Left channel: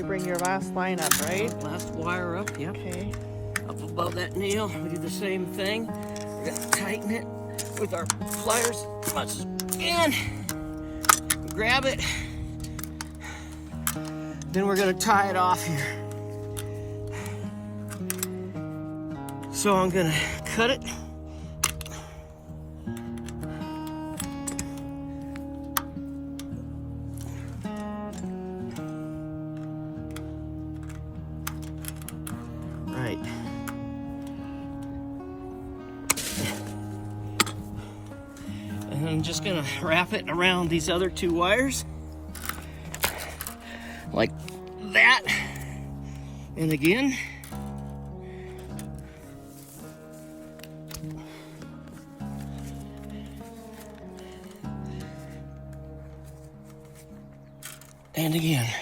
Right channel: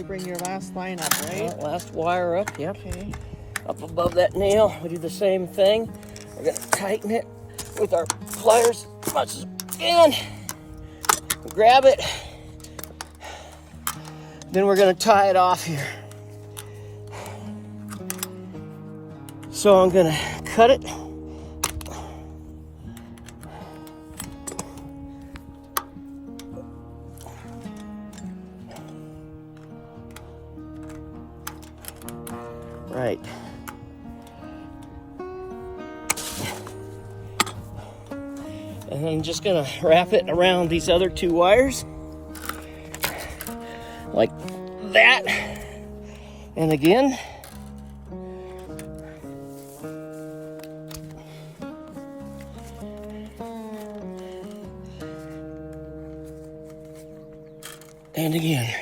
to bring your last line up, right? Last wire up, yep. Okay. Up above that nail, we do the same thing. We're gonna tighten it with our pliers as much as we can. Grab it. Then we're gonna tie it off here. So I'm gonna cut it. Right. And I'm just gonna wrap it around these other two wires. Like that. And again. And again.